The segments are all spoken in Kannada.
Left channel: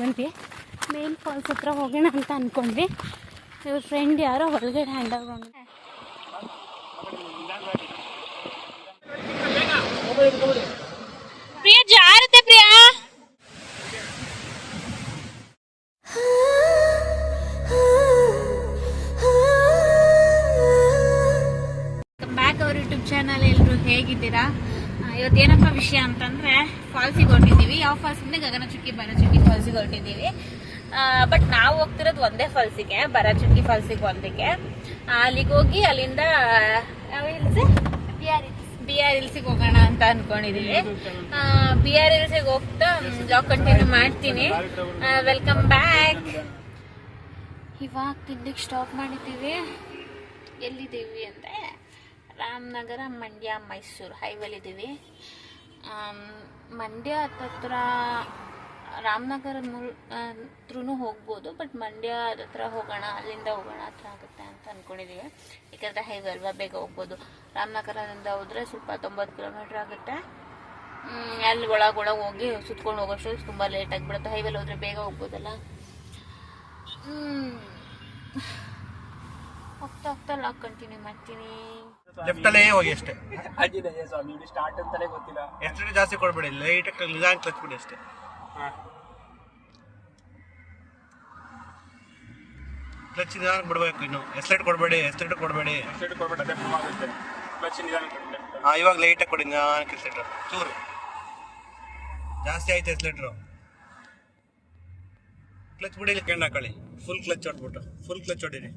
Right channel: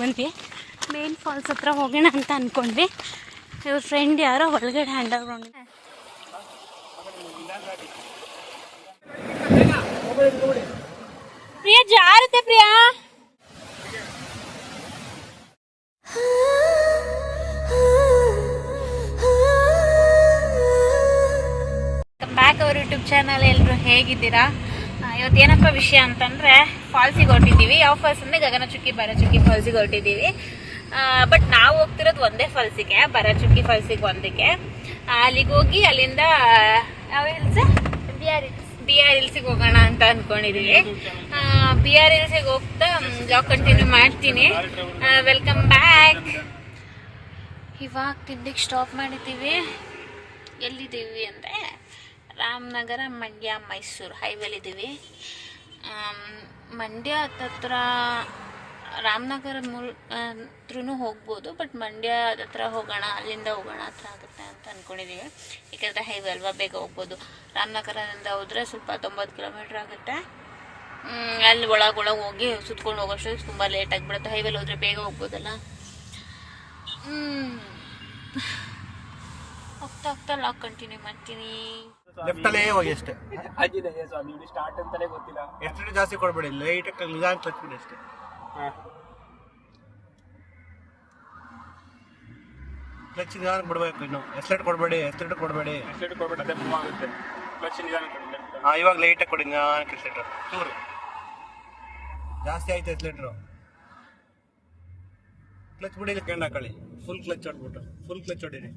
ಬಂದ್ವಿ. ಮೇನ್ ಫಾಲ್ಸ್ ಹತ್ರ ಹೋಗೋಣ ಅಂತ ಅಂದ್ಕೊಂಡ್ವಿ. ಇವ್ರ ಫ್ರೆಂಡ್ ಯಾರೋ ಒಳಗಡೆ ಅಂಡರ್ಗ್ರೌಂಡ್ ಪ್ರಿಯಾ ಜಾರತೆ ಪ್ರಿಯಾ ಬ್ಯಾಕ್ ಅವ್ರ ಯೂಟ್ಯೂಬ್ ಚಾನಲ್. ಎಲ್ಲರೂ ಹೇಗಿದ್ದೀರಾ? ಇವತ್ತು ಏನಪ್ಪ ವಿಷಯ ಅಂತಂದರೆ ಫಾಲ್ಸಿಗೆ ಹೊರಟಿದ್ದೀವಿ. ಯಾವ ಫಾಲ್ಸ್ ಅಂದರೆ ಗಗನಚುಕ್ಕಿ ಭರಚುಕ್ಕಿ ಫಾಲ್ಸಿಗೆ ಹೊರಟಿದ್ದೀವಿ. ಬಟ್ ನಾವು ಹೋಗ್ತಿರೋದು ಒಂದೇ ಫಾಲ್ಸಿಗೆ, ಭರಚುಕ್ಕಿ ಫಾಲ್ಸಿಗೆ ಒಂದಕ್ಕೆ. ಅಲ್ಲಿಗೆ ಹೋಗಿ ಅಲ್ಲಿಂದ ಯಾವ ಹಿಲ್ಸ್ ಬಿ ಆರ್ ಹಿಲ್ಸಿಗೆ ಹೋಗೋಣ ಅಂತ ಅಂದ್ಕೊಂಡಿದ್ದೀವಿ. ಬಿ ಆರ್ ಹಿಲ್ಸಿಗೆ ಹೋಗ್ತಾ ಬ್ಲಾಗ್ ಕಂಟಿನ್ಯೂ ಮಾಡ್ತೀನಿ. Welcome back. ಇವಾಗ ತಿಂಡಿಗೆ ಸ್ಟಾಪ್ ಮಾಡಿದ್ದೀವಿ. ಎಲ್ಲಿದ್ದೀವಿ ಅಂದರೆ ರಾಮನಗರ ಮಂಡ್ಯ ಮೈಸೂರು ಹೈವೇಲಿದ್ದೀವಿ. ಮಂಡ್ಯ ಹತ್ತತ್ರ ರಾಮನಗರ ಹತ್ರನೂ ಹೋಗ್ಬೋದು, ಬಟ್ ಮಂಡ್ಯ ಹತ್ರ ಹೋಗೋಣ, ಅಲ್ಲಿಂದ ಹೋಗೋಣ ಹತ್ರ ಆಗುತ್ತೆ ಅಂತ ಅಂದ್ಕೊಂಡಿದ್ದೀವಿ. ಯಾಕಂದರೆ ಹೈವೇ ಅಲ್ವಾ, ಬೇಗ ಹೋಗ್ಬೋದು. ರಾಮನಗರದಿಂದ ಹೋದರೆ ಸ್ವಲ್ಪ 90 ಕಿಲೋಮೀಟ್ರ್ ಆಗುತ್ತೆ. ಅಲ್ಲಿ ಒಳಗೆ ಹೋಗಿ ಸುತ್ಕೊಂಡು ಹೋಗೋಷ್ಟು ತುಂಬ ಲೇಟ್ ಆಗಿಬಿಡುತ್ತೆ. ಹೈವೇಲಿ ಹೋದರೆ ಬೇಗ ಹೋಗ್ಬೋದಲ್ಲ. ಹೋಗ್ತಾ ಲಾಗ್ ಕಂಟಿನ್ಯೂ ಮಾಡ್ತೀನಿ. ಲೆಫ್ಟಲ್ಲೇ ಹೋಗಿ ಅಷ್ಟೇ. ಆಂಜನೇಯ ಸ್ವಾಮಿ ಸ್ಟಾರ್ಟ್ ಅಂತಾನೆ ಗೊತ್ತಿಲ್ಲ. ಎಷ್ಟು ಜಾಸ್ತಿ ಕೊಡ್ಬೇಡಿ, ಲೈಟ್ ನಿಧಾನ ತಚ್ಬಿಡಿ ಅಷ್ಟೇ. ಕ್ಲಚ್ ನಿಧಾನ ಬಿಡ್ಬೇಕು. ಇನ್ನು ಎಸ್ಲೇಟ್ ಕೊಡಬೇಡಿ, ಎಸ್ಲೇಟ್ ಕೊಡಬೇಡಿ. ಇವಾಗ ಲೈಟಾಗಿ ಕೊಡಿ, ನಿಧಾನಕ್ಕೆ ಎಸ್ಲೇಟರ್ ಚೂರು ಜಾಸ್ತಿ ಆಯ್ತು. ಎಸ್ಲೇಟ್ರು ಕ್ಲಚ್ ಬಿಡಿ, ಕೆಂಡ್ ಹಾಕೊಳ್ಳಿ. ಫುಲ್ ಕ್ಲಚ್ ಹೊಡ್ಬಿಟ್ಟು ಫುಲ್ ಕ್ಲಚ್ ಹೊಡೀರಿ.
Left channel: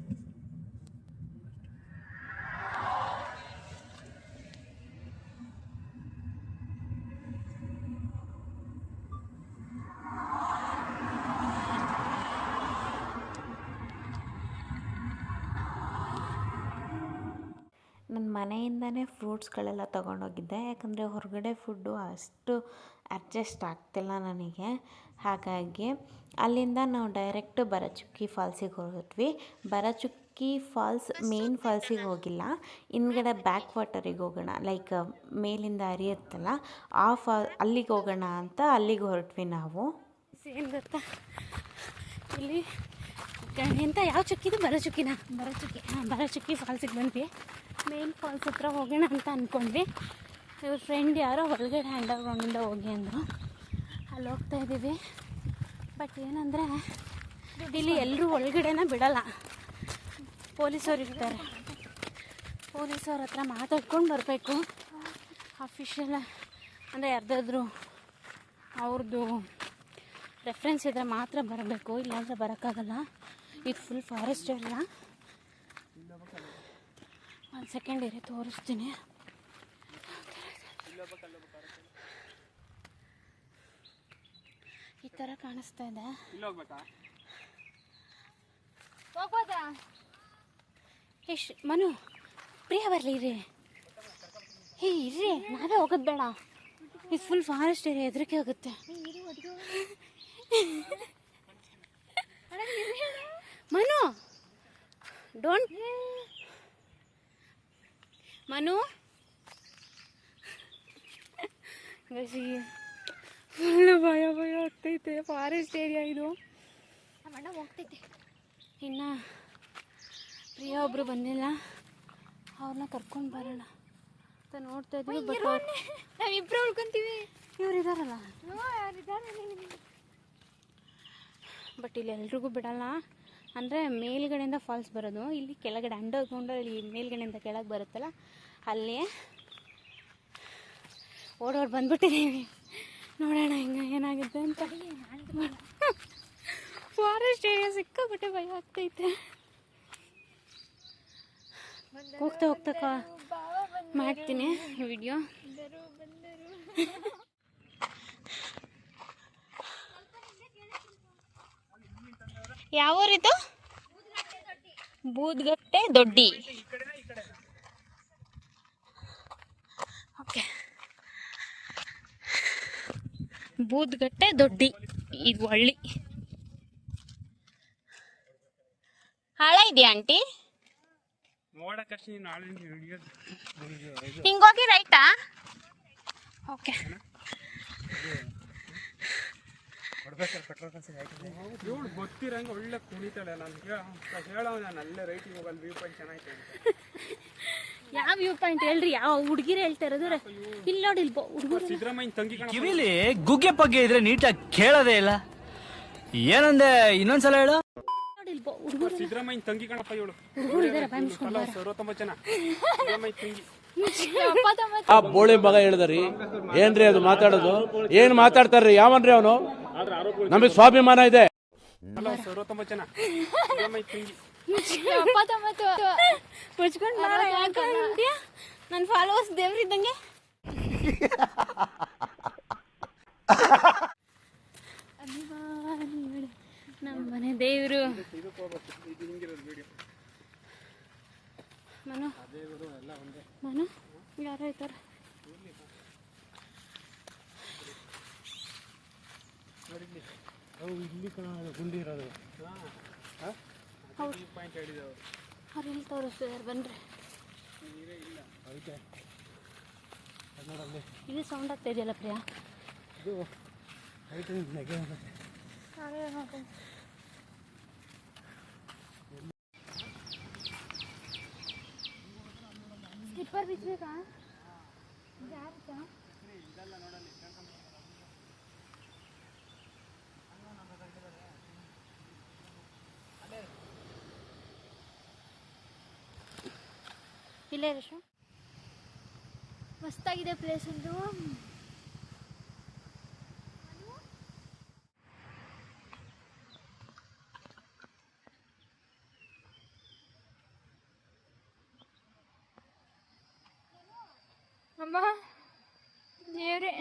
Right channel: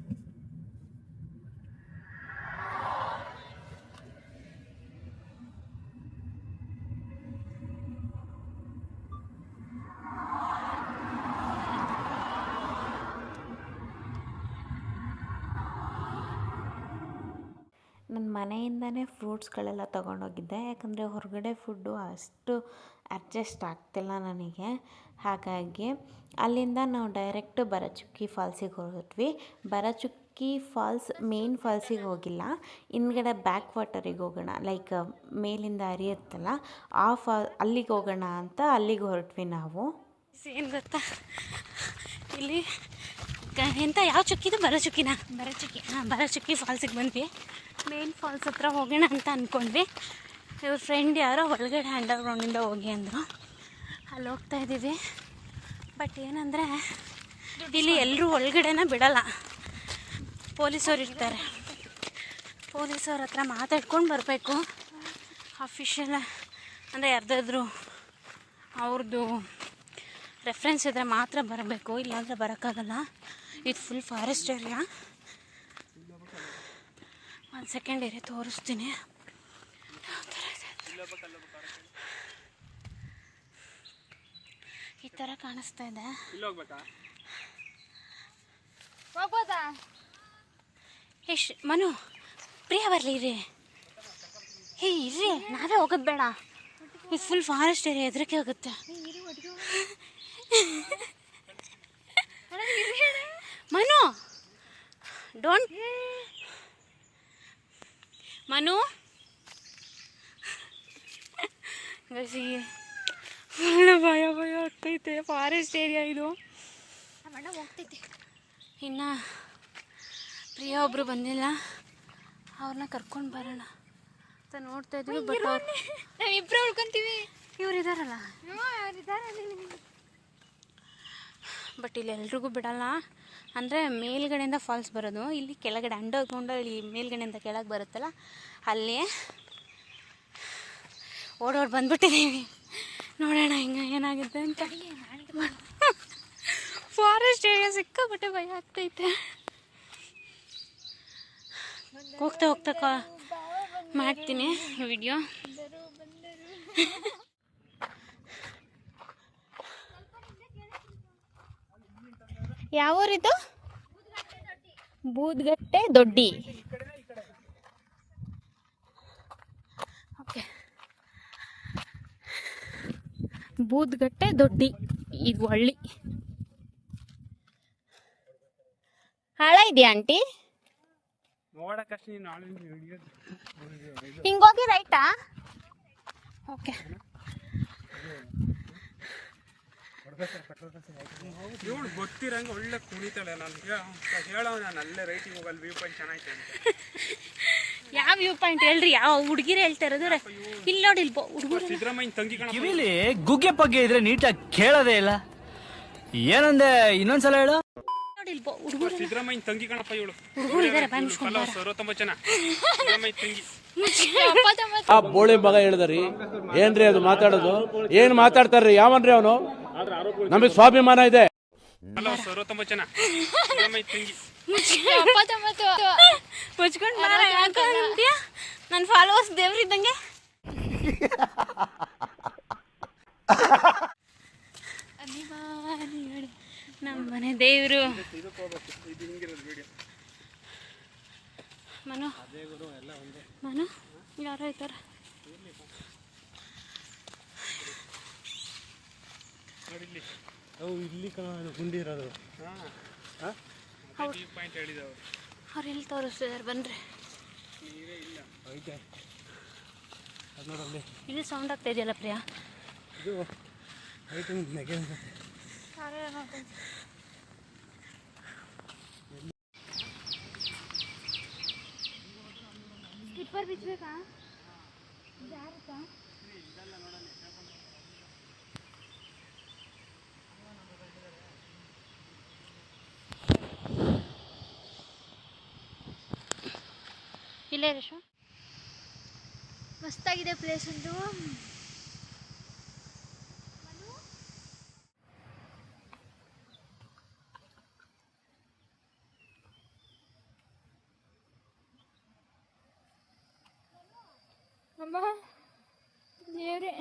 ನನ್ನ ಮನೆಯಿಂದನೇ ಫ್ರೂಟ್ಸ್ಗಳೆಲ್ಲ ತೊಗೊಂಡೋಗಿದ್ದೆ. ಯಾಕಂದರೆ ಹೊರಗಡೆ ಫುಡ್ಡು ಅಷ್ಟು ಅಡ್ಜಸ್ಟ್ ಆಗ್ತಿಲ್ಲ ನನಗೆ. ಹಾಗಾಗಿ ಅಲ್ಲಿಂದ ನಾವು ಡೈರೆಕ್ಟ್ ಭರಚುಕ್ಕಿ ಫಾಲ್ಸಿಗೆ ಹೊರಟ್ವಿ. ಭರಚುಕ್ಕಿ ಫಾಲ್ಸ್ ಮೇನ್ ಫಾಲ್ಸಿಗೆ ಹೋಗಿಲ್ಲ, ಹಿಂದ್ಗಡೆ ಬ್ಯಾಕ್ ವಾಟರಿಗೆ ಹೋಗೋಣ, ಲೈಕ್ ಮೇಲಿಂದ ಹರಿಯುತ್ತಲ್ಲ ಆ ಅಲ್ಲಿಗೆ ಹೋಗೋಣ ಅಂತ ಅಲ್ಲಿಗೆ ಹೊರಟ್ವಿ ನಾವು. ಏನು ಗೊತ್ತಾ, ಇಲ್ಲಿ ಎಂತ ಯಾವ ಚುಕ್ಕಿದು? ಭರಚುಕ್ಕಿನ ಭರಚುಕ್ಕಿ. ಭರಚುಕ್ಕಿ ಫಾಲ್ಸಿಗೆ ಬಂದ್ವಿ. ಮೇನ್ ಫಾಲ್ಸ್ ಹತ್ರ ಹೋಗೋಣ ಅಂತ ಅಂದ್ಕೊಂಡ್ವಿ. ಇವ್ರ ಫ್ರೆಂಡ್ ಯಾರೋ ಒಳಗಡೆ ಅಂಡರ್ಗ್ರೌಂಡಿಂದ ಹೋಗಿ ಅಂದರು. ಅಲ್ಲಿ ಹೋಗ್ತಾ ಇದ್ದೀವಿ. ಬಟ್ ಏನಂದರೆ ಇಲ್ಲಿ ಎಲ್ಲರೂ ಒಳಗಡೆನ ಬಿಡಲ್ಲ, ಪೊಲೀಸವ್ರು ಇರ್ತಾರೆ. ಪೊಲೀಸವ್ರ ಹತ್ರ ಮಾತಾಡ್ಕೊಂಡು ಬರಬೇಕು. ಅಫಿಷಿಯಲ್ ಅಂದರೆ ಯಾರ್ದಾದ್ರೂ ಅವ್ರದ್ದು ರೆಫ್ರೆನ್ಸ್ ಇದ್ದರೆ ಮಾತ್ರ ಬರಬೇಕು, ಇಲ್ಲಾಂದರೆ ಬರೋಕ್ಕಾಗಲ್ಲ. ಇದು ಫುಲ್ ಫಾರೆಸ್ಟ್ ಏರಿಯಾ. ಒಂದು ಸೆಕೆಂಡ್ ಏರಿಯಾ ತೋರಿಸ್ತೀನಿ. ಈ ಥರ ಕಾಣಿಸ್ತಾ ಇದೆ. ಮನು, ಪ್ರಿಯ ಬರಲಿ ಇರ್ರಿ. ಇರ್ರಿ, ನಾವೇ ಹೋಗೋದು ಬೇಡ. ಇದು ಫುಲ್ ಫಾರೆಸ್ಟ್ ಏರಿಯಾ, ಹೆದರಿಕೆ ಆಗುತ್ತೆ. ಮನು, ಡೋಂಟ್ ಮನು. ಫುಲ್ ಭಯ ಆಗ್ತೈತೆ. ಫಾರೆಸ್ಟ್ ಏರಿಯಾ ಇದು. ಹೋಗ್ತೈತೆ. ಇನ್ನು ಪ್ರಿಯ ಒಬ್ಬರು ಬಂದಿಲ್ಲ, ಅವ್ರನ್ನ ಕರ್ಕೊಂಡು ಬರೋಣ ಅಂತ ನೋಡ್ತಾ ಇದ್ವಿ. ಬಟ್ ಇಬ್ಬರು ಉಳ್ಕೊಂತೀವಿ. ಇವ್ರು ಇದ್ದಾರಲ್ಲ, ಬಟ್ ಇಲ್ಲಿ ಎಲ್ರಿಗೂ ಬಿಡಲ್ಲ. ಅಂದರೆ ಮೇಲ್ಗಡೆಯಿಂದ ಫಾಲ್ಸ್ ಬರೋದು, ಇಲ್ಲಿ ಕೆಳಗಡೆ ಅಂಡರ್ಗ್ರೌಂಡಲ್ಲಿ ಮೇಲ್ಗಡೆಯಿಂದ ಕೆಳಗೆ ಬರುತ್ತಲ್ಲ, ಅಲ್ಲಿ ಓಡೋಡಿ ಬಂದ್ಬಿಟ್ಟಿದ್ದೀವಿ. ನೋಡೋಣ ಹಿಂಗೆ ಏನಾಗುತ್ತೆ ಅಂತ. ಫಾರೆಸ್ಟ್ ಏರಿಯಾ ಸಿಕ್ಕಾಬಿಟ್ಟೆ ಭಯ ಆಗ್ತೈತೆ. ಹೋಗ್ತಾ ಮಾಡ್ತೀನಿ ವಿಡಿಯೋ. ಯಾವ ಊರಿದು? ಬೂದ್ಗಟ್ಟೆ ದೊಡ್ಡಿ. ಓಕೆ, ಬೂದ್ಗಟ್ಟೆ ದೊಡ್ಡಿ ಇದು ಹಳ್ಳಿ. ಹಾಳ ಇದೆಯಾ ಆಂಟಿ? ಹಿಂಗೋಗಿ ರೈಟಾ? ಓಕೆ, ಇವಳು ಗೊತ್ತಿರಂಗೆ ಒಳ್ಳೆ ಕುಣಿತಾಳೆ. ನಾನು ಹೇಳೋ ನಾನು ಅಲ್ಲೇ ರೈಟಿಗೆ ಹೋಗಲ್ಲ, ವ್ಯೂ ಪಾಯಿಂಟ್ ಚೆನ್ನಾಗೈತೆ ಅಂತ. ಯಾವ ವ್ಯೂ ಪಾಯಿಂಟ್ ಹೇಳ್ರಿ, ಯಾವ ಹುಡುಗಿರು ಹೇಳ್ತಾ ಇರೋದು? ಇಲ್ಲಿ ನೋಡಿ, ಇಲ್ಲಿ ಹುಡುಗರು. ಸಿದ್ದರಾಮಯ್ಯನ ತಂಗಿ ಕಣ. ಕಿವಿಲಿ ಗುಗ್ಗೆ ಪಗ್ಗೆ ಇದ್ರೆ ನೀಟಾಗಿ ಕೇಳೋದೇ ಇಲ್ಲ. ಏನಂದೆ ಇನ್ನೊಂದ್ಸಲ ಹೇಳು. ನೋಡಿ, ಇಲ್ಲಿ ಹುಡುಗರು. ಸಿದ್ದರಾಮಯ್ಯನ ತಂಗಿ ಕಣಪ್ಪ ಇವಳು. ಹುಡುಗರು ಇದಾರೆ, ಬಾಯ್ ಮುಚ್ಕೊಂಡು ಬಾರ. ಸರ್ವೋತ್ತಮ ಸಿದ್ದರಾಮಯ್ಯ ತಂಗಿ. ಆ ಬೋಳಿ ಮಗ ಹೇಳಿದ್ರಿ ಏನ್ರಿ ಅದು ಮಾತಾಡೋದು? ಏನ್ ಮಾತಾಡ್ತಾರ್ರಿ? ಯಾವನ್ರಿ ಅವನು? ನಮಗ್ ಸ್ವಾಭಿಮಾನ ಇದೆ. ಸರ್ವೋತ್ತಮ ಸಿದ್ದರಾಮಯ್ಯ ತಂಗಿ. ಮುಚ್ಕೊಂಡು ಬಾರ. ಯಾಕ ಅಂತೀಯ? ನನ್ನ ಫಾಲೋವರ್ಸ್ ದೇವ್ರಿದ್ದಂಗೆ. ನಮ್ಮ ಮನೆ ದೇವರು ಮನು. ಮನು ಯಾರೋ ಐತಾರೆ. ಅವ್ರು ಎಲ್ಲಿ ತೋರಿಸ್ತಿದ್ದಾರೆ ಬನ್ರಿ. ಇಲ್ಲಿ ಸೌಂಡ್ ಆಗ್ತಾ ಇದೆಯಲ್ಲ ಪ್ರಿಯಾ. ಸ್ಲಿಪ್ಪರ್ ಬಿಚ್ಚಬೇಕಾ? ಜಾರುತ್ತಾ? ಇಲ್ಲೇ ರಶು ಮಸ್ತಾಗಿದೆ ಪ್ಲೇಸ್ ಒಂದು. ಅಮ್ಮ ದೇವ್ರೆ,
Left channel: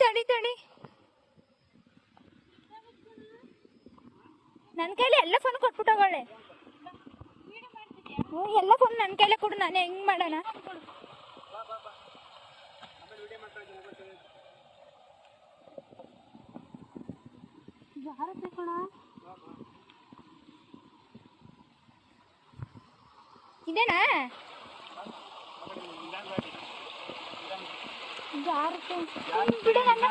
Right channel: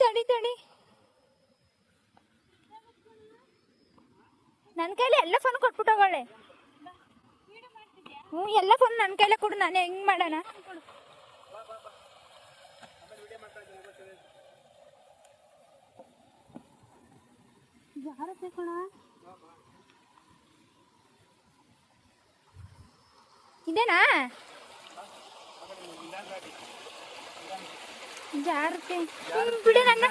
ತಡಿ ತಡಿ, ನನ್ನ ಕೈಲಿ ಎಲ್ಲ ಫೋನ್ ಕೊಟ್ಬಿಟ್ಟೋಗಳೆ. ಹ್ಞೂ, ಎಲ್ಲ ಫೋನ್ ನನ್ನ ಕೈಲೇ ಕೊಡು. ನಾನು ಹೆಂಗ್ ಮಾಡೋಣ? ಜಾರತ್ತೆ ಕಣ. ಇದೇನಾ? ಜಾರತ್ತೆ ಬಿಡಿ ನನ್ನ.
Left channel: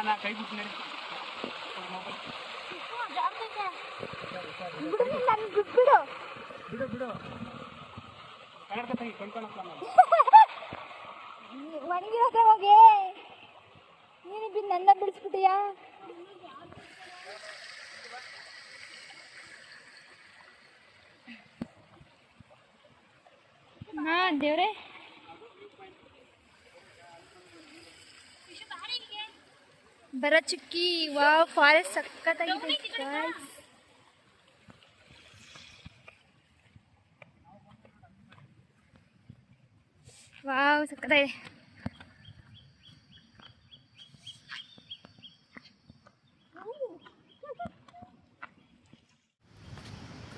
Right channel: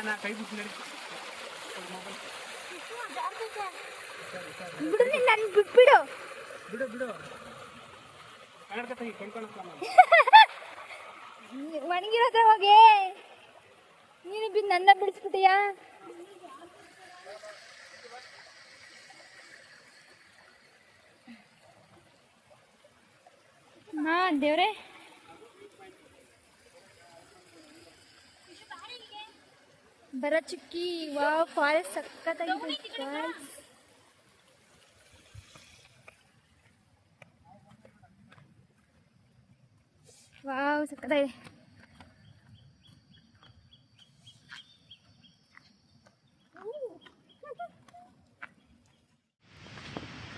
ಬಿಡು, ನನ್ ಬಿಟ್ಬಿಡು. ಒಣಗಿರೋದ ಹೋಗಿ ನೀನು ಬಿದ್ದು ನನ್ನ ಬಿಡಿಸ್ಬಿಟ್ಟಿಯಾ? ಹಾ ದೇವ್ರೆ, ಬರ ಚುಕ್ಕಿ. ವಾ, ಫಾರೆಸ್ಟ್ ಸಕ್ಕತ್ತಾಗಿದೆ ಗಾಯ್ಸ್. ವಾವ್, ಸಕ್ಕತ್ತಾಗಿದೆ.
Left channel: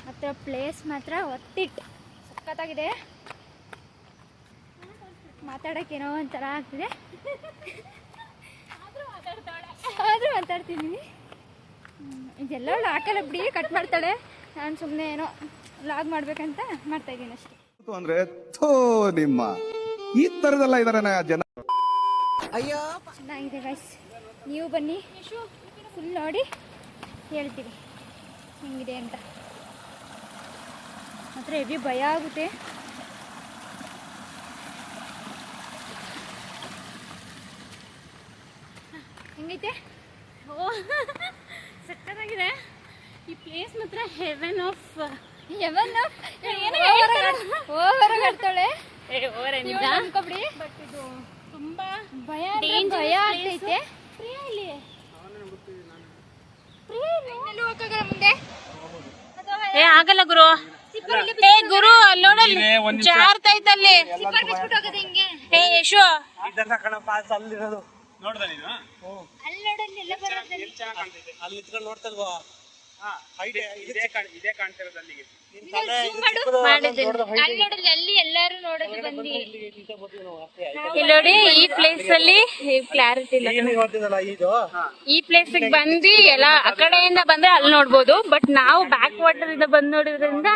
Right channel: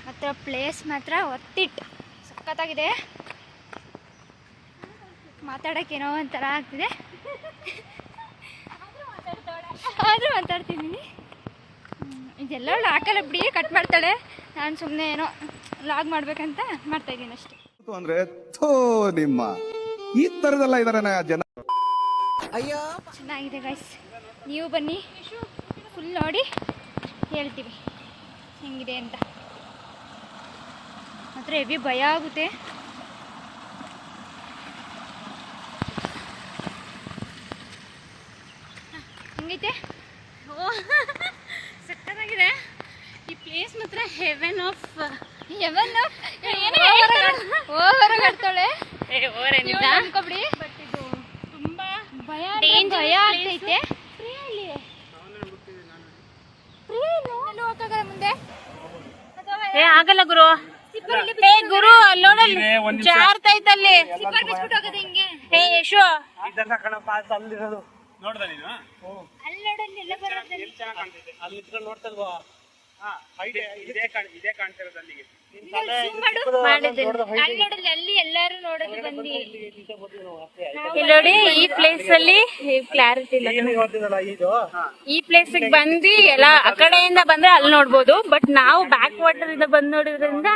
ಮಾತ್ರ ಪ್ಲೇಸ್ ಮಾತ್ರ ಒತ್ತಿಟ್ ಸಕ್ಕತ್ತಾಗಿದೆ. ಮಾತಾಡೋಕ್ಕೇನೋ ಒಂಥರ ಆಗ್ತಿದೆ, ಆದರೂ ಮಾತಾಡ್ತಿದ್ದೀನಿ. ಇದೆಲ್ಲ ಹಾಕಲ್ಲ ಬಿಡಿ, ಕಟ್ ಮಾಡ್ತಾಳೆ. ನಾನು ಸುಮ್ಮನೆ ಏನೋ ಲಾಗ್ ಮಾಡ್ಬೇಕಂತ ಮಾಡ್ತಾಯಿದ್ದೀನಿ ಅಷ್ಟೇ. ಅಂದ್ರೆ ನಿಮ್ಮ ಈ ತರದೆಲ್ಲ ಇದಾರೆ ಜನ. ಚೆನ್ನಾಗಿದೆ ಗೈಸ್, ನೀವು ಬನ್ನಿ, ಫುಲ್ ನೋಡಿ ಹೇಳ್ತೀವಿ ಹೆಂಗಿದೆ ಅಂತ. ಮಾತ್ರ ಹೆವಿ ಭಯ ಆಗುತ್ತೆ. ಹೆಂಗೈತೆ? ಓ ಸಕ್ಕತ್ತಾಗಿದೆ ಈ ಪ್ಲೇಸ್ ಮಾತ್ರ. ಹೆವೆನ್ ಆಫ್ ಓವರ್ ಆಡ್ತಾಳೆ ಅನ್ಕೊಬಿಡಿ. ಬಟ್ ಇದು ತುಂಬಾ ಭಯ ಆಗ್ತೈತೆ. ಮುಂದೆ ಏ ಆಗಲ್ಲ ಗುರು. ಏ ಗುರು, ಅಲ್ಲೋಡಲ್ಲಿ ಜಾರ್ತಾ ಇತ್ತಲ್ಲಿ. ಏ ಯಶು, ನೋಡಿ ಈ ಪ್ಲೇಸ್ ಅಲ್ಲಿ ಕ್ಲಾರಿಟಿ ಇಲ್ಲ. ಈ ಪ್ಲೇಸ್ ಬಂದು ಎಲ್ಲ ಆ ಕಡೆಯಿಂದ ಬಂದ್ರೆ ಅಲ್ಲಿ ನೋಡ್ಬೋದು. ಬಟ್ ನಾವು ಬ್ಯಾಕ್ ವಾಟರ್ ಇಂದ ಬಂದ್ ನೋಡಿದ್ರಿಂದ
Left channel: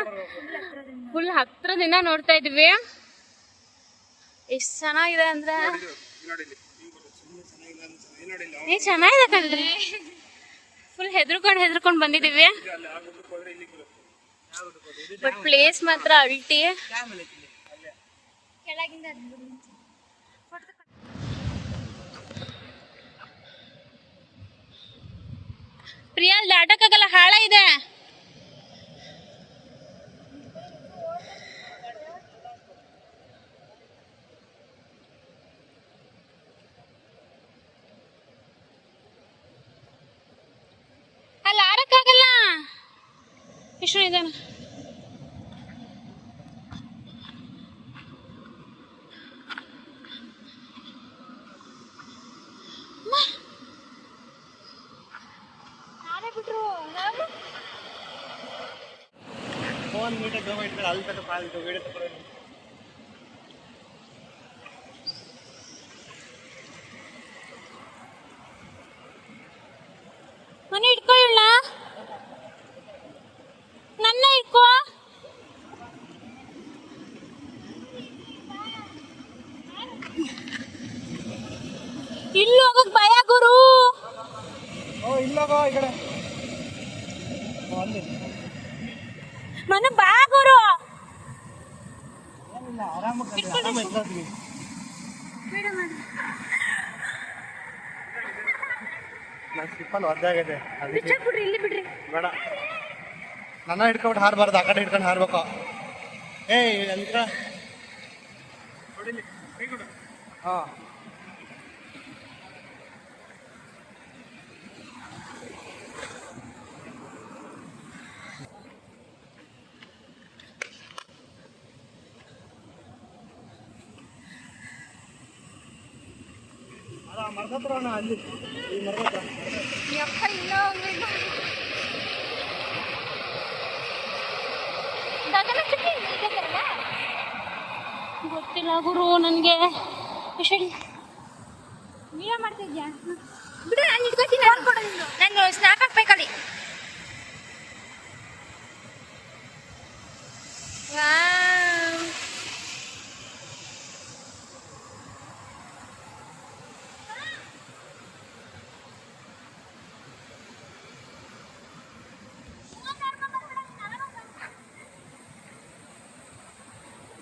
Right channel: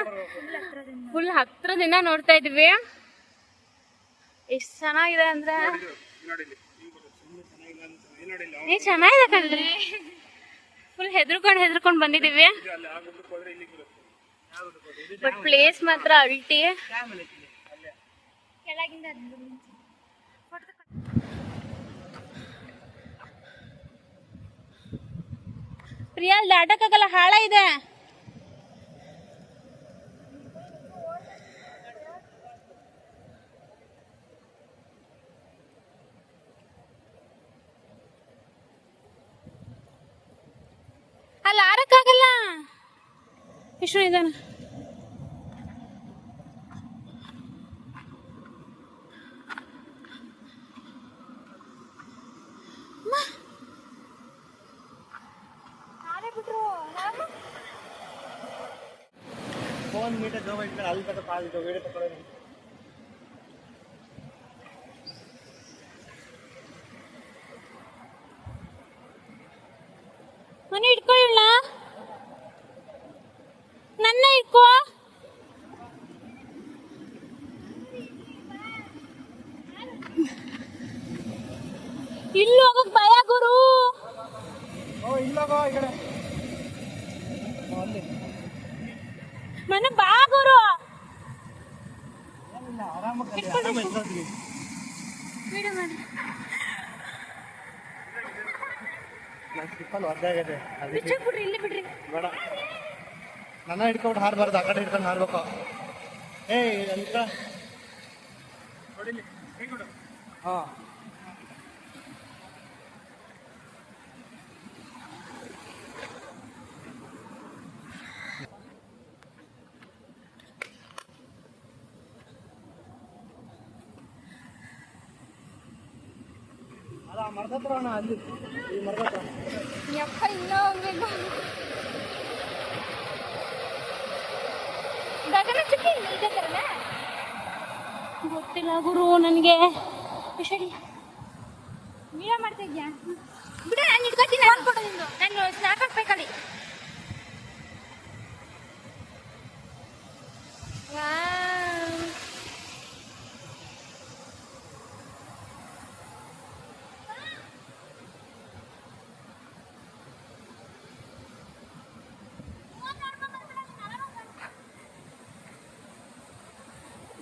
ಫುಲ್ ಹತ್ರದಿಂದ ನೋಡ್ತಾ ಇದ್ವಿ. ಎಷ್ಟು ಚೆನ್ನಾಗಿದೆ ಅಂದ್ರೆ ಚೆನ್ನಾಗಿದೆ ಕಣ್ರಿ. ಫುಲ್ ಹೆದರ್ಕೊಂಡು ಬಂದಿದ್ದೀವಿ. ಬಟ್ ಪ್ಲೇಸ್ ಮಾತ್ರ ಅಲ್ಟಿ. ಪ್ರಿಯಾ ದಾಟಕ್ಕಾಗಲ್ಲ, ಹಾಳ ಇದೆ. ಅಲ್ಲಿ ಆರಕ್ಕಾಗಲ್ಲ. ಎಷ್ಟು ಇದಾನ ಫೋನ್ ಮೀಟರ್ ಗವರ್ಮೆಂಟ್ ಅಲ್ಲಿ ತನಕ ಪಾಲ್ ವಿಡಿಯೋ ತಗೊಳ್ಳೋದು. ಮನೆ ಇಟ್ಕೊಳ್ಳ, ನನ್ನ ಇಟ್ಕೋ. ಇಲ್ಲಿ ಹೋಗಕ್ ಭಯ ಗುರು. ಮನೆ ಬಾ ಗುರು. ಸ್ಲಿಪ್ಪಲ್ಲಿ ಒದ್ದಾಗೈತೆ ಅದಕ್ಕೆ ಬಿಡ್ರಿ, ಇಲ್ಲಿ ಬಿಡ್ರಿ. ಬೇಡ, ನನ್ನ ಹಿಡ್ಕೊಂಡು ಹಾರಬಾರ್ದು, ಆ ಕಡೆ ಹಿಡ್ಕೊಂಡು ಹಾರ್ಬೇಕು. ಅಂತ ಹಾಂ ಮರ್ದತ್ರ ಅಲ್ಲಿ ಈ ಮರ್ದತ್ರ ಗೊತ್ತಿಲ್ಲ ಗುರು ನನಗೆ. ನೀವೇ ಮಾಡ್ತಾ ಇದ್ಯಾ? ಬಿಡು, ನಾನು ಇಟ್ಕೊತೀನಿ. ನಾನು ಸ್ನ್ಯಾಪ್ ಹಾಕ್ಬೇಕಲ್ಲಿ.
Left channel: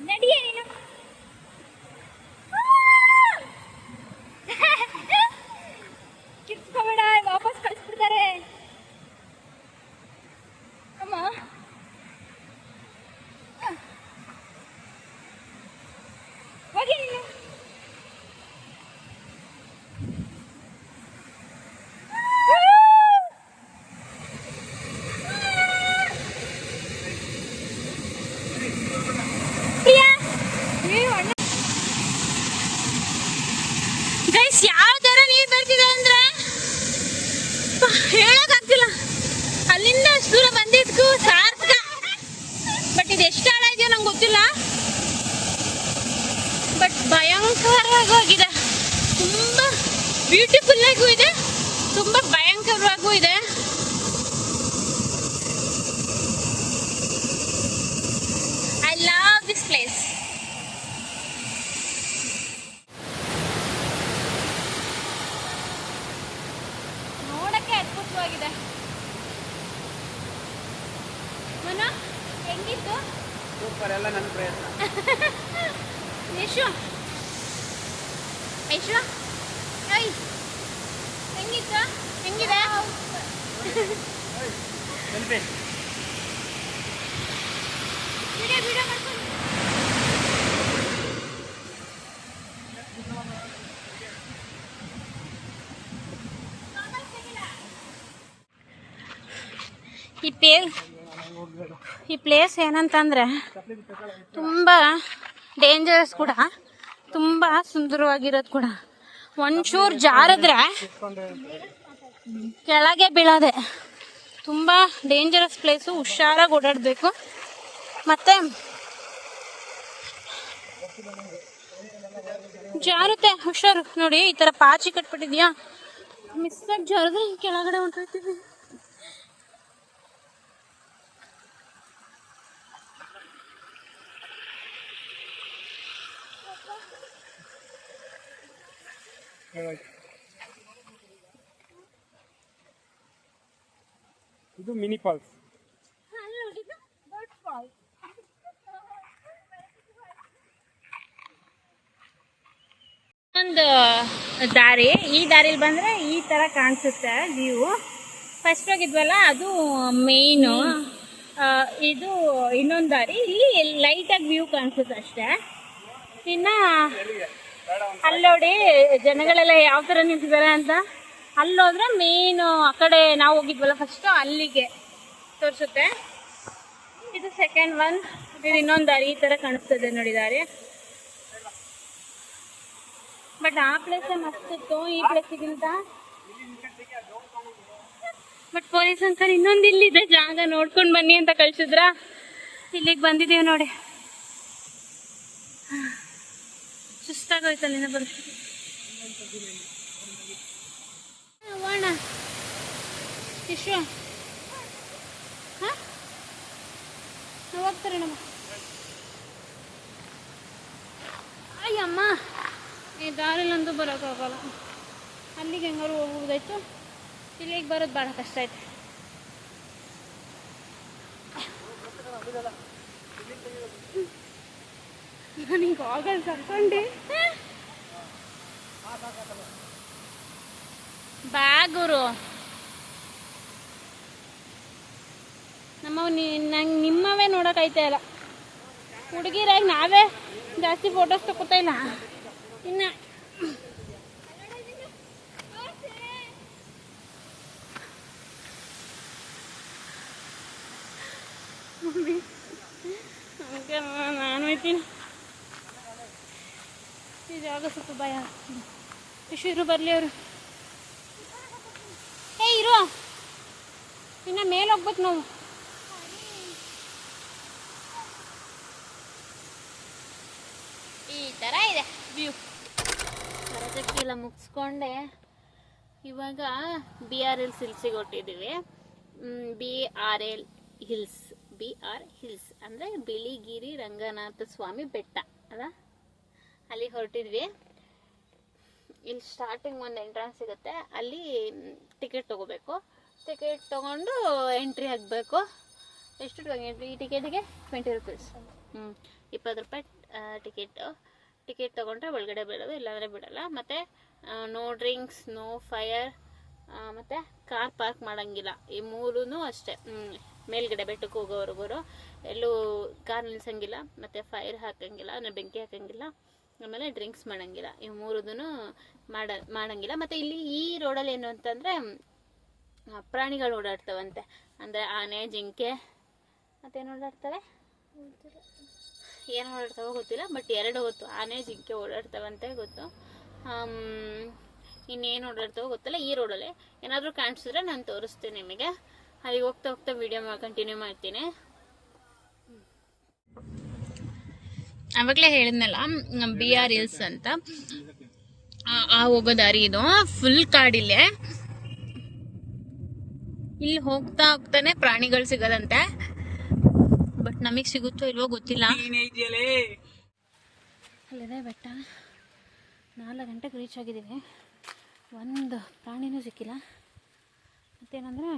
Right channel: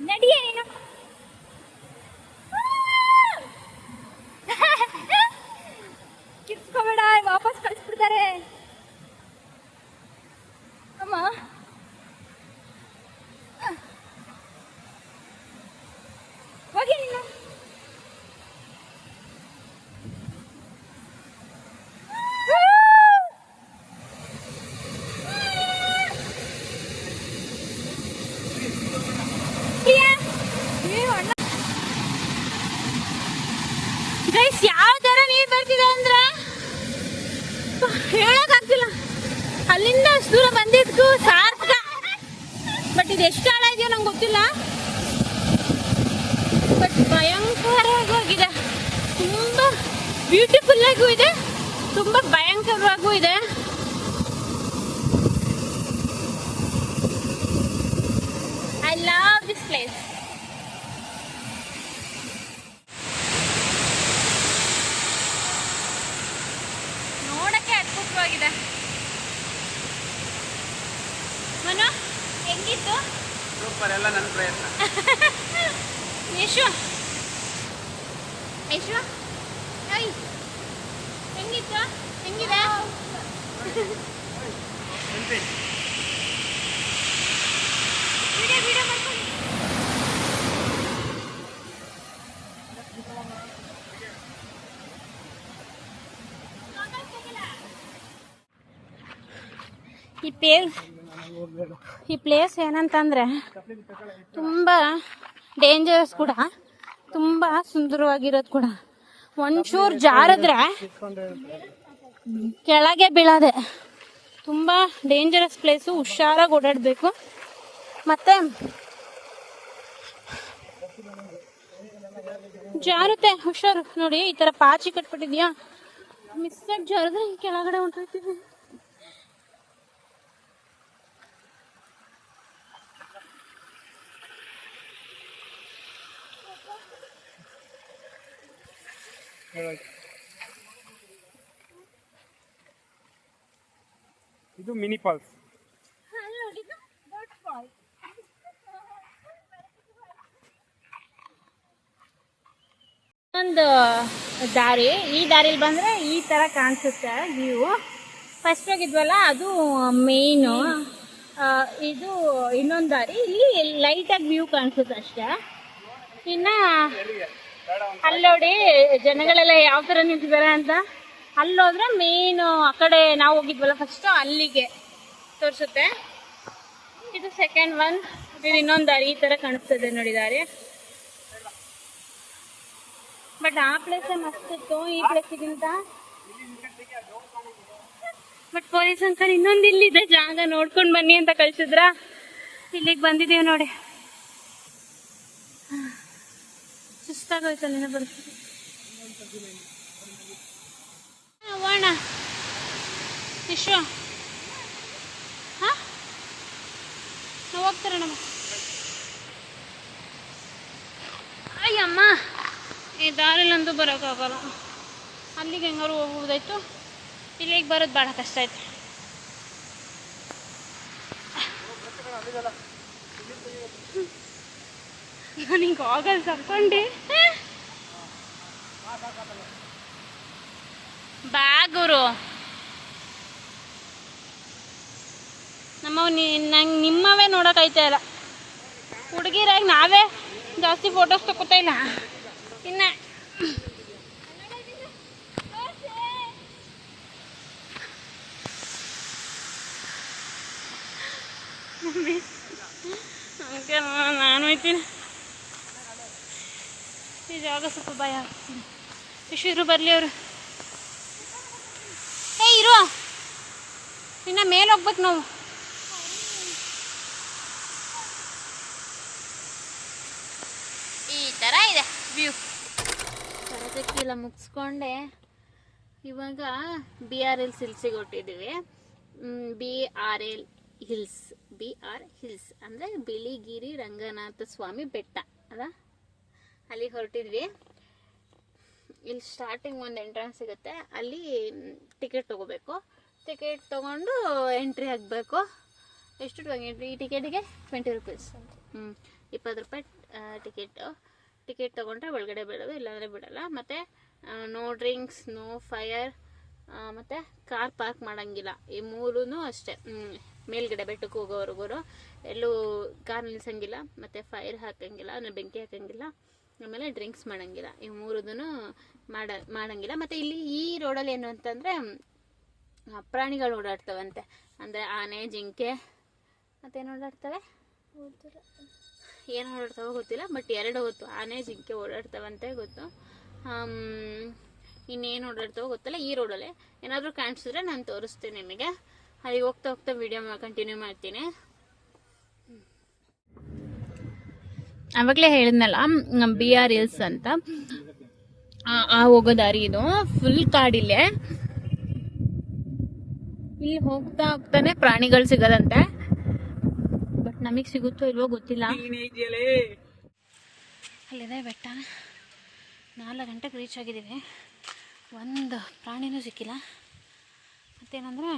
ನಡಿಯೇ ನೀನು. ಕಿರ್ಸ್ಕೊಬೇಡ, ವಾಪಸ್ ಕಳಿಸ್ಬಿಡ್ತಾರೆ. ಅಮ್ಮ ಹೋಗಿ ನೀನು. ಗೈಸ್, ಯಾವ ತರ ನೀರು ಬರ್ತಿದೆ ಅಂದ್ರೆ ಹೇಳಕ್ಕಾಗ್ತಿಲ್ಲ. ಅಲ್ಲಿಂದ ಅಷ್ಟು ದೂರ ಬಂದಿದ್ದು ಸಾರ್ಥಕ. ಬಟ್ ಇದು ಎಷ್ಟು ಆಳ ಇದೆಯೋ ನಂಗೆ ಗೊತ್ತಿಲ್ಲ. ಬಟ್ ಭಯಂಕರವಾಗಿ ಹೋಗಿದೆ. ತುಂಬ ಬ್ಯೂಟಿಫುಲ್ ಆಗೂ ಇದೆ, ತುಂಬ ಭಯಂಕರವಾಗೂ ಇದೆ. I love this place. ನೋಡಕ್ಕೆ ಅದ್ಭುತವಾಗಿದೆ. ಮನ ಹೆಂಗಿತ್ತು? ಸೂಪರ್, ಎಲ್ಲ ನನ್ನ ಪ್ರಯತ್ನ. ಯಶು ಯಶು ಹೆಂಗಿತ್ತು? ಹೆಂಗಿದೆ? ಈ ಪ್ಲೇಸ್ ಏನಂತಂದ್ರೆ ತುಂಬ ಡೇಂಜರಸ್ ಕೂಡ, ತುಂಬ ಸುಂದರವಾಗಿರೋದು ಕೂಡ. ಒಂಚೂರು ಜಾರಿದ್ರೆ ಕೆಳಗೆ ಬೀಳೋದೆ. ತುಂಬ ಡೇಂಜರಸ್ ಪ್ಲೇಸು, ಹುಷಾರಾಗಿ ಓಡಾಡಬೇಕು. ಮತ್ತು ಜಾರುತ್ತೆ, ಹುಷಾರು. ನೋಡಿ, ಈ ಥರ ಪಾಚಿ ಕಟ್ಬಿಟ್ಟಿದ್ಯಾ, ಮಿಸ್ಸಾಗಿ ಜಾರಿದ್ರೆ ಕೆಳಗಡೆ ಹೊಂಟೋಗ್ತೀವಿ. ಇದು ಮಿನಿ ಫಾಲ್ಸ್. ಒಂದು ದಾರಿ, ಈ ದಾರಿಲಿ ಬಂದರೆ ಈ ಥರ ಕಾಣಿಸುತ್ತೆ ವ್ಯೂ. ಫಸ್ಟ್ ಹೋಗಿದ್ವಲ್ಲ ಅದು ಮೇಯ್ನು, ಇದು ಇನ್ನೊಂದು ದಾರಿ. ಇಲ್ಲಿ ಲೈಟಾಗಿ ವ್ಯೂ ಕಾಣಿಸುತ್ತೆ ಅಷ್ಟೇ. ಇನ್ನು ಅಲ್ಲಿ ನೋಡಿ ಜನಗಳೆಲ್ಲ ಯಾವ ಥರ ನಿಂತಿದ್ದಾರೆ ಅಂತ. ಅಲ್ಲೋದ್ರೆ ಮೇಯ್ನು ಆ ಕಡೆ ನಾವು ಹೋಗಿದ್ವಲ್ಲ ಫಸ್ಟು ಅಲ್ಲಿಗೆ ತೋರಿಸುತ್ತೆ. ಇದು ಸೆಕೆಂಡ್ ಒನ್. ಇದು ಇನ್ನೊಂದು ದಾರಿ ಈ ಥರ ಕಾಣಿಸ್ತದೆ ನೋಡಿ ದಾರಿ. ಬಟ್ ಆ ಪ್ಲೇಸ್ ಮಸ್ತಿತ್ತು ಈ ಪ್ಲೇಸಿಗಿಂತ. ಬಟ್ ಪೊಲೀಸ್ ಅಂಕಲ್ ಇನ್ನೊಂದು ಇಲ್ಲಿದೆ ಜಾಗ ನೋಡ್ಕೊಂಡು ಬನ್ನಿ ಅಂತ ಕಳ್ಸಿದ್ರ. ಇಲ್ಲಿಗೆ ಬಂದಿದ್ದೀವಿ ನೋಡಿ. ಸುಸ್ತಾಗೋಯ್ತಲ್ಲ ಪರಿಸ್ಥಿತಿ. ಹೋಗೋಣ ವಿಶ್ವ. ಹಾಂ ನಾವು ಹೋಗ್ತಾರೆ ನಮ್ಮ. ಅಯ್ಯಮ್ಮ, ಈ ದಾರಿಲಂತೂ ಬರೋಕ್ಕಾಗಲ್ಲ. ಅಲ್ಲಿಗೆ ಹೆಂಗಾರು ಹೋಗ್ಬೋದಾಯ್ತು, ಇಲ್ಲಿಗೆ ಬರೋದು ಭಾಳ ಕಷ್ಟ ಐತೆ. ನನಗೆ ಆಗಲ್ಲ ತಕ್ಕೊಂಡೆ ಬ್ಯಾಗರು. ನಮ್ಮವ್ ನಂಗೆ ನಿಮ್ಮವೇ ನೋಡೋಕೈತೆ ಇಲ್ಲ. ಹುಡುಗಿರಾಗಿ ನಾವೇ ಜಾಸ್ತಿ ಫೋಟೋಸ್ ತಗೋತಾ ಇಲ್ಲ. ಇನ್ನು ನಾನು ಹೋಯ್ತೀನಿ. ಈ ಜಾಗ ಸ್ವಲ್ಪ ಭಯ ಆಗ್ತಿದೆ. ಇರು ಬರಲಿ ಅವರು. ಇರು, ಇನ್ನು ಮೇಲೆ ಹೋಗ್ಬೇಕು ನಾವು. ಈ ಥರ ಇದೆ ವ್ಯೂ. ಕರಜಕ್ಕೆಲ್ಲ ಮುಗಿಸ್ಕೊಂಡೆ ಇವಾಗ BR ಹಿಲ್ಸಿಗೆ ಹೊಟ್ಟಿದ್ದೀವಿ. BR ಹಿಲ್ಸ್ ಅಂದರೆ ಬಿಳಿಗಿರಿ ರಂಗನಾಥ ಸ್ವಾಮಿ ಬೆಟ್ಟ ಅಲ್ಲ, ಅಲ್ಲಿಗೆ ಹೊರಟಿದ್ವಿ. ಇಲ್ಲಿ ಸ್ಟಾರ್ಟಿಂಗ್ ಒಂದು ಎಂಟ್ರೆನ್ಸ್ ಸಿಗುತ್ತೆ, ಅಲ್ಲಿ ಟಿಕೆಟ್ ತೊಗೋಬೇಕು. ಟಿಕೆಟ್ ತೊಗೊಂಡು ಎಂಟ್ರಿ ಆಗಬೇಕು. ಎಷ್ಟು ಈ ಟಿಕೆಟಿಗೆ 20 ರೂಪೀಸ್. 20 ರೂಪಾಯಿ ಟಿಕೆಟ್ ತೊಗೊಂಡ್ರೆ ಒಳಗಡೆ ಬಿಡೋದು, ಇಲ್ಲಾಂದರೆ ಬಿಡೋಲ್ಲ. ಮತ್ತು ನೋ ಡ್ರಿಂಕ್ಸ್, ನೋ ಫೈರ್, ಮತ್ತು ಕಾರ್ ಪಾರ್ಕ್ ಮಾಡೋಂಗಿಲ್ಲ. ಈ ಮೂರೂ ಅಷ್ಟೇ. ಮೇಲ್ಗಡೆ ಬೆಟ್ಟಕ್ಕೆ ಹೋಗೋವರೆಗೂ ಎಲ್ಲೂ ಕಾರ್ ನಿಲ್ಸಂಗಿಲ್ಲ, ಮತ್ತು ಫೈರ್ ಹಾಕೋಂಗಿಲ್ಲ ಅಂದರೆ ಬೆಂಕಿ ಹಾಕೋಂಗಿಲ್ಲ, ಆಮೇಲೆ ಡ್ರಿಂಕ್ಸ್ ಮಾಡೋಂಗಿಲ್ಲ. ಇವು ಮೂರದೂ ಮಾಡೋಂಗಿಲ್ಲ. ಮತ್ತು ಇಲ್ಲಿ ಈ ರೋಡಲ್ಲಿ ಏನು ಅಂತಂದರೆ ಪ್ರಾಣಿಗಳು ಓಡಾಡ್ತವಂತೆ. ಅಂದರೆ ಆನೆ, ಜಿಂಕೆ ಮತ್ತೇನು ಓಡಾಡ್ತವೆ, ಏನು ಓಡಾಡ್ತಾವೋ ಗೊತ್ತಿಲ್ಲ. ಬಟ್ 2 ಗೊತ್ತು, ಆನೆ ಜಿಂಕೆ ಓಡಾಡ್ತವಂತೆ ಗೊತ್ತು. ಇನ್ನೇನು ಓಡಾಡ್ತಾವೋ ಗೊತ್ತಿಲ್ಲ. ಈ ರೋಡಲ್ಲೇ ಏನಾದರೂ ಕಾಣಿಸಿದ್ರೆ ನಾನು ತೋರಿಸ್ತೀನಿ ನಿಮಗೆ. ಅಲ್ಲಿಗೆ ಹೋಗ್ತಾ ಹೋಗ್ತಾ ವಿಡಿಯೋ ಕಂಟಿನ್ಯೂ ಮಾಡ್ತೀನಿ. ಆವಾಗಲೇ ಹೇಳಿದ್ನಲ್ಲ BR ಹಿಲ್ಸ್ ಅಂತ. ಹೋಗೋ ದಾರಿ ಇದು ಫುಲ್ ಕಾಡಿಲ್ಲೇ. ಇಲ್ಲಿ ಹೋಗ್ತಾ ಹೋಗ್ತಾನೆ ಪ್ರಾಣಿಗಳು ಸಿಗೋದಂತೆ. ಬಟ್ ನಮಗೆ ಸಿಗುತ್ತೋ ಇಲ್ವೋ ಗೊತ್ತಿಲ್ಲ. ಅಲ್ಲಿದೆ ಬೆಟ್ಟ. 4 ಗಂಟೆಗೆ ರೀಚ್ ಆಗಿದ್ದೀವಿ. ಒಂದು ಪ್ರಾಣಿನೂ ಸಿಕ್ಕಿಲ್ಲ. ಮತ್ತೇನಂದರೆ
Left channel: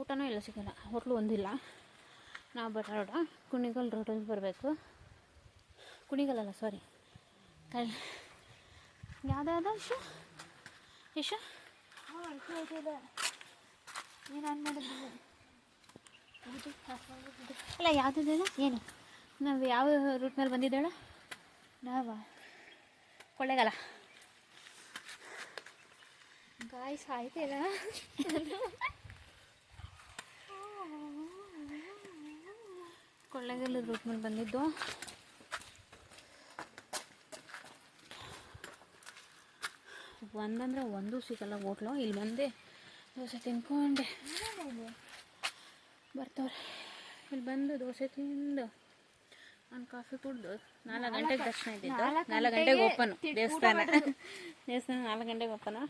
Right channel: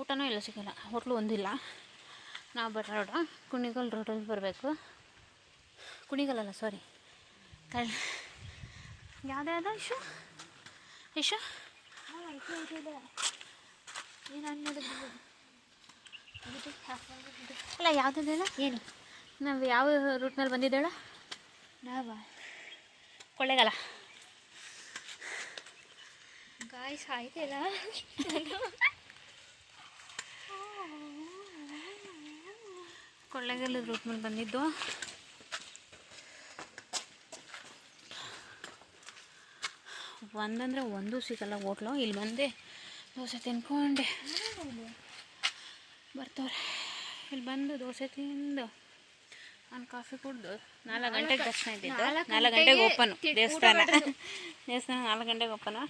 ಊಟನೂ ಎಲ್ಲ ಸಿಗೋಲ್ಲ. ಹೋಟ್ಲು ಒಂದಿಲ್ಲ. ನಾವು ಬರೋ ರೋಡು ಕುಣಿಗಲ್ ರೋಡಲ್ಲಿ ಬರಬೇಕು. ಕುಣಿಗಲ್ಲಲ್ಲ, ಸಾರಿ, ಯಾವುದೇ ಇಶು ಅಲ್ಲ ಯಾವುದಿಲ್ಲ. ಏನು ನಾವು ಯಾವ ರೂಟ್ನಲ್ಲಿ ಬಂದಿದ್ದೇಳ? ನಾವು ಕೊಳ್ಳೇಗಾಲ. ಗಾಯ್ಸ್ ಆಯ್ತಲ್ಲ. ಕೊಳ್ಳೇಗಾಲದ ರೂಟ್ ಮೇಲೆ ಬಂದಿದ್ದು. ಒಂದಂದರೆ ಒಂದೂ ಸಿಗಲ್ಲ ಹೋಟ್ಲು. ಇಲ್ಲಿ ಬಂದೆ ದೋಸೆ ತಿನ್ಕೊಂಡೆ ಬರ್ತಾವ್ರೆ. ಇಲ್ಲಿ ಬಂದು ದೋಸೆ ತಿಂದು ಒಂದು ಕಾಫಿ ಕುಡ್ದು 4 ಗಂಟೆಗೆ ದರ್ಶನ ಇದ್ದಿದ್ದು. 4 ಗಂಟೆಗೆ ಓಪನು ದೇವಸ್ಥಾನ. 4 ಗಂಟೆಗೆ ಓಪನು.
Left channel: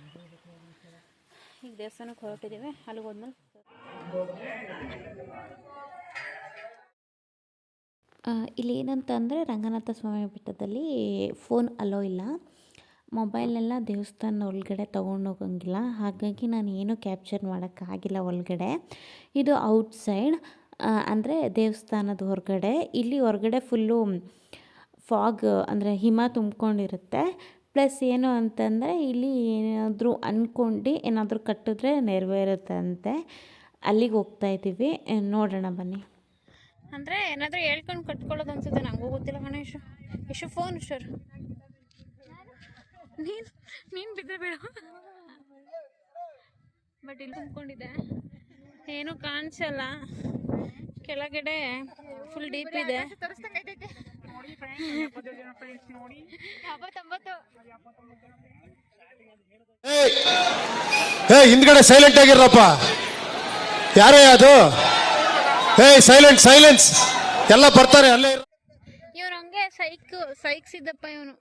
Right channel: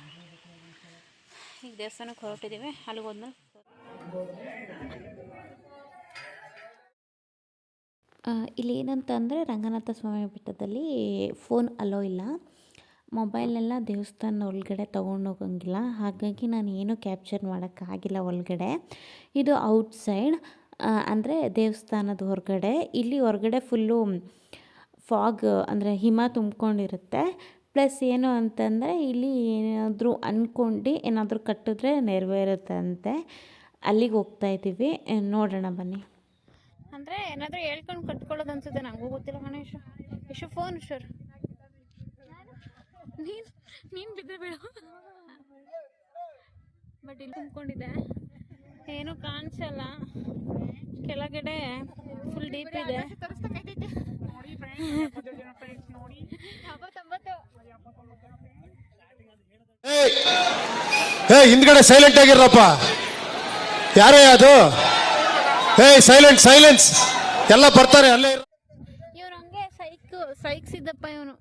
ಈಗ ದೇವಸ್ಥಾನಕ್ಕೆ ಹೊರಟಿದ್ದೀವಿ. ಅಲ್ಲಿಗೆ ಹೋದ್ಮೇಲೆ ಇಲ್ಲಿ ಏನಂತ ಅಂದರೆ ರಂಗನಾಥ ಸ್ವಾಮಿ ಬೆಟ್ಟದಲ್ಲಿ ಫೋನ್ ಅಲೋ ಇಲ್ಲ. ಮೊಬೈಲೆಲ್ಲ ದೇವಸ್ಥಾನದ ಒಳಗಡೆ ತೊಗೊಂಡೋಗಂಗಿಲ್ಲ, ಹಾಗಾಗಿ ನಾನು ಏನೂ ಕ್ಯಾಪ್ಚರ್ ಮಾಡೋಕ್ಕಾಗಿಲ್ಲ ಒಳಗಡೆ. ಇದು ಔಟ್ಸೈಡ್, ಅಂದರೆ ದೇವಸ್ಥಾನದ ಹೊರಗಡೆ. ಇಲ್ಲಿ ಹೊರಗಡೆ ಫುಲ್ಲು ಫಾಗ್ ಅಂದರೆ ಹಿಮ ತುಂಬ್ಕೊಂಡಿರುತ್ತೆ. ಪ್ಲಸ್ ಏನು ಅಂತಂದರೆ ಇಲ್ಲಿ ಏನಾದರೂ ಅಂದ್ಕೊಂಡು ಏನಾದರೂ ಕಟ್ಟಿದ್ರೆ ನೆರವೇರುತ್ತಂತೆ. ಅಲ್ಲಿಗೆ ಹೋಗ್ತಾಯಿದ್ದೀವಿ, ನೋಡೋಣ ಬನ್ನಿ. ಅಂದರೆ ಏನಾದರೂ ಹೇಳ್ಕೊಂಡು ಕಟ್ಕೊಳ್ಳೋದು ಅನ್ಸುತ್ತೆ, ನನಗೂ ಗೊತ್ತಿಲ್ಲ ಗಣೇಶ್. ಎಷ್ಟು ಫೋನ್ ಸರ್ ನೀನು ಬಿದ್ದರೆ ಬೇಡ. ಬಟ್ ಇಲ್ಲಿ ತುಂಬ್ಕೊಂಡಿದೆ, ಏನೂ ಕಾಣಿಸಲ್ಲ. ಕೆಳಗಡೆ ಫುಲ್ ಡೀಪ್ ಇದೆ. ಹಿಂದ್ಗಡೆ ಸೈಲೆಂಟ್ ಆಗಿರಪ್ಪ. ಯಾರೇ ಅದು? ಸೈಲೆನ್ಸ್ ಎಲ್ಲ ಬರ್ತಾರೆ ಅಲ್ಲೇ. ಇವ್ರು ಹಂಗೆ ಸೈಕ್ಸಿದ್ದಪ್ಪ ಇವನು.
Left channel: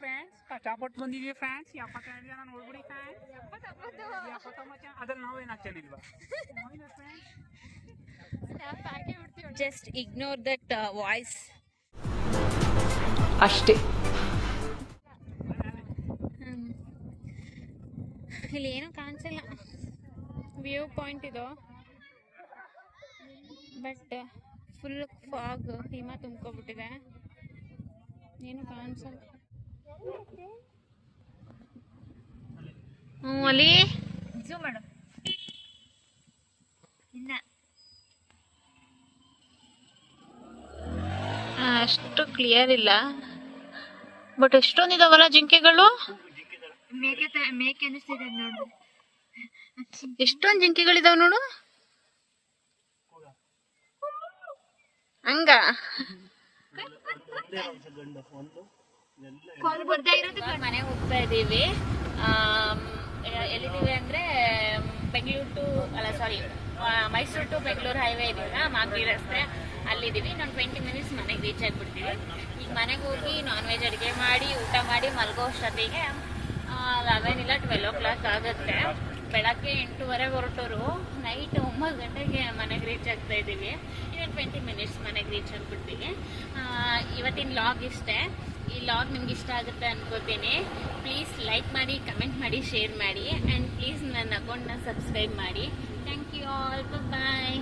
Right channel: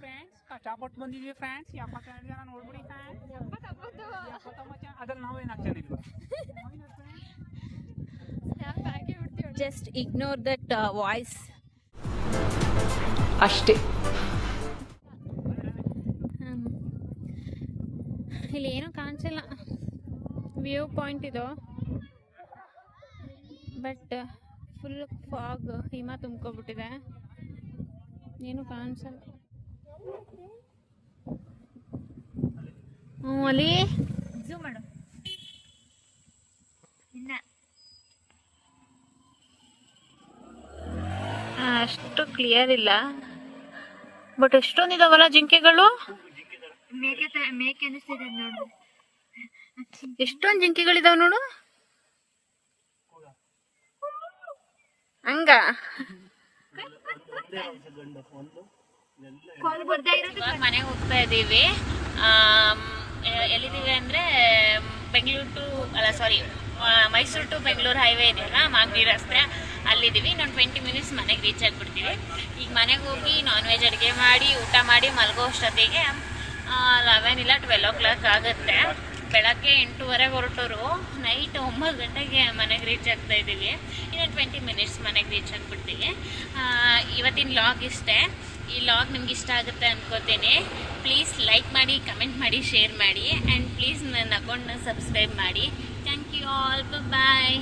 ಫ್ರೆಂಡ್ಸ್ ಕಷ್ಟಪಟ್ಟು ಬಂದಿದ್ದೀವಿ ಫ್ರೆಂಡ್ಸ್. 72 ಜನ ನೋಡ್ಬಿಡಿ ಫ್ರೆಂಡ್ಸ್. 79 ಅದ್ರಲ್ಲಿ ನಾವೇನು ಆಗ್ತಾನಿಲ್ವಾ? ಜಸ್ಟ್ ಇಗ್ನೋರ್ ದಟ್ ವಾಯ್ಸ್ ಅಷ್ಟೇ. ಇಲ್ಲಿ ಏನೂ ಕಾಣಿಸಿಲ್ಲ. ವ್ಯೂ ಪಾಯಿಂಟ್ ಇದು, ಬಟ್ ಫುಲ್ ಫಾಗ್, ಹಿಮ ತುಂಬ್ಕೊಬಿಟ್ಟಿದೆ, ಏನು ಕಾಣಿಸಲ್ಲ. ಅಲ್ಲಿ ಝೂಮ್ ಮಾಡು. ಇಲ್ಲ ಅಷ್ಟು ಕ್ಲಿಯರ್ ಇಲ್ಲ, ಬಟ್ ಎಷ್ಟೊಂದಿದಾವಲ್ಲ ಜಿಂಕೆಗಳು. ಮೇಕೆ ಅನಿಸ್ತಿದೆ ನೋಡು, ಎಷ್ಟೊಂದು ಜಿಂಕೆಗಳಿದಾವ ನೋಡು. ಹಂಗ ಮನೆಗೆ ಹೋಗ್ತಾ ಇದ್ದೀವಿ. ಎಲ್ಲಿದ್ದೀವಿ ಅಂದರೆ ಮೈಸೂರು ಟು ಬೆಂಗಳೂರು ಹೈವೇ ಇದೆಯಲ್ಲ, ಮಾಗಡಿ ರಸ್ತೆ, ಅಲ್ಲಿದ್ದೀವಿ. ಇನ್ನೊಂದು 20 ಮಿನಿಟ್ಸ್ ಮನೆಗೆ ರೀಚ್ ಆಗಿಬಿಡ್ತೀವಿ. ಈಗ ಮನೆಗೆ ಹೋಗಿ ನಾನ್ ವೆಜ್ ಅಡುಗೆ ಮಾಡಿ ಊಟ ಮಾಡಿ ಮಲಗೋ ಅಷ್ಟೊತ್ತಿಗೆ 11 ಇಲ್ಲ 12 o'clock ಆಗುತ್ತೆ. ಬೆಳಗ್ಗೆ 8:30 ಹೊರಟೋರು, ನೈಟ್ 9 ಗಂಟೆಗೆ ಮನೆಗೆ ರೀಚ್ ಆಗ್ತಾ ಇದ್ದೀವಿ. ಇನ್ನೊಂದು 20 ಮಿನಿಟ್ಸ್ ಮನೆಗೆ ರೀಚ್ ಆಗಿಬಿಡ್ತೀವಿ. ಇವತ್ತಿನ ಲಾಗ್ ಇಷ್ಟೇ. ಈ ಲಾಗ್ ನಿಮ್ಗೆ ಇಷ್ಟ ಆಗುತ್ತೆ ಅಂದ್ಕೋತೀನಿ. ಪ್ಲೀಸ್ ಲೈಕ್ ಮಾಡಿ, ಕಮೆಂಟ್ ಮಾಡಿ, ಶೇರ್ ಮಾಡಿ, ಆ್ಯಂಡ್ ಪ್ಲೀಸ್ ನನ್ನ ಅಕೌಂಟ್ನ ಸಬ್ಸ್ಕ್ರೈಬ್ ಮಾಡಿ. Thank you all, bye.